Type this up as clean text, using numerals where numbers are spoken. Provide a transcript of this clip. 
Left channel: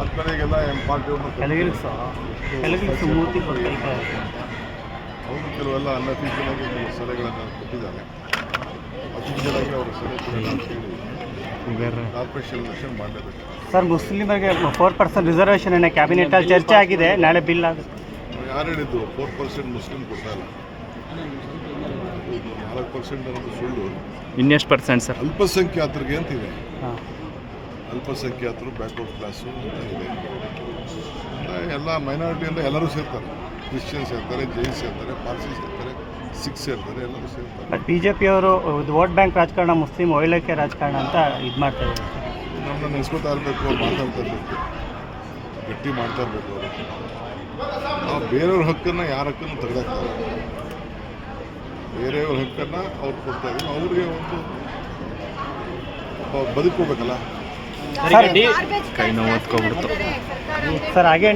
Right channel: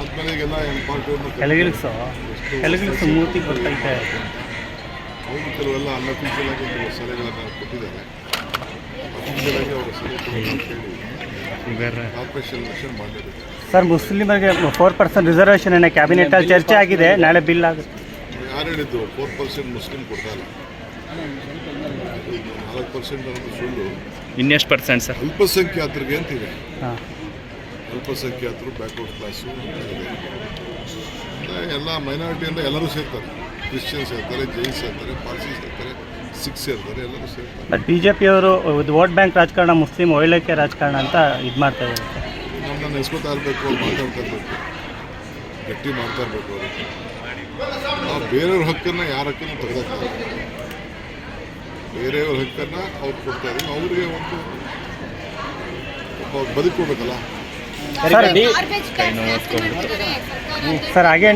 ಆದ್ಮೇಲೆ ಈಗೆಲ್ಲ ಪಾರ್ಟಿಯವ್ರನ್ನ ಅವರು ಕೆಲವೆಲ್ಲ ಅನ್ಅಫಿಷಿಯಲ್ ಆಗಿ ಕೆಲವು ಸಲಹೆಗಳನ್ನು ಕೊಟ್ಟಿದ್ದಾರೆ. ಅಫಿಷಿಯಲ್ ಆಗಿ ಅವರ ಸಲಹೆ ಕಾರ್ಪೊರೇಷನ್ ಎಲೆಕ್ಷನ್ ಮಾಡಲೇಬೇಕು. ಸರ್, ಮುಸ್ಲಿಮರಿಗೆ 4% ರಿಸರ್ವೇಷನ್ ಕ್ಯಾಬಿನೆಟ್ ಅಲ್ಲಿ ಚರ್ಚೆ ಆಗಿದೆ, ನಾಳೆ ಬಿಲ್ ಆಗುತ್ತೆ. ಯಾರು ಹೇಳಿದ್ದು 4% ಮುಸ್ಲಿಂ ಕೊಡ್ತಾ ಇಲ್ಲ? 4% ಅನ್ನೋದು ಸುಳ್ಳು. ಇನ್ನೆಷ್ಟು ಪರ್ಸೆಂಟ್ ಸರ್? ಅಲ್ಪಸಂಖ್ಯಾತರಿಗೆ ಅಂತಿದೆ. ಅಲ್ಪಸಂಖ್ಯಾತರು, ಬ್ಯಾಕ್ವರ್ಡ್ ಕ್ಲಾಸು ಅಂತ ಇದೆ. ಎಲ್ಲ ಮೈನಾರಿಟಿಯಿಂದ ಎಲ್ಲರೂ ಸೇರ್ತಾರೆ. ಕ್ರಿಶ್ಚಿಯನ್ಸ್ ಇರ್ತಾರೆ, ಜೈನ್ಸ್ ಇರ್ತಾರೆ, ಪಾರ್ಸೀಸ್ ಇರ್ತಾರೆ, ಸಿಖ್ಸ್ ಇರ್ತಾರೆ, ಎಲ್ಲರೂ ಸೇರ್ತಾರೆ. ಬಿಜೆಪಿಯವರು ವೋಟ್ ಬ್ಯಾಂಕ್ ರಾಜಕಾರಣ, ಮುಸ್ಲಿಂ ಒಳ್ಳೆಕೆ ರಾಜಕಾರಣ ಅಂತ ಇದು ಮಾಡ್ತಾ ಇದ್ದಾರೆ. ನಮ್ಮನ್ನ ನೆನೆಸ್ಕೊತಾ ಇರಬೇಕು, ಅವ್ರು ಮಾತಾಡ್ತಾ ಇರಬೇಕು, ಗಟ್ಟಿ ಮಾಡ್ತಾ ಇರಬೇಕು. ಅವರು ನಾವು ಬೇರೆಯವ್ರ ಹಕ್ಕನ್ನು ಯಾರ ಹಕ್ಕನ್ನು ತೆಗೆದಾಕ್ತಾರೆ. ಬೇರೆಯವ್ರ ಹಕ್ಕನ್ನು ಅವ್ರು ಕೊಡ್ತಾ ಇದ್ದೀವಿ. ಅವ್ರಿಗೆ ಒಂದು ಬದುಕೋಬೇಕಲ್ಲ. ಸರ್ ಹಾಗೆ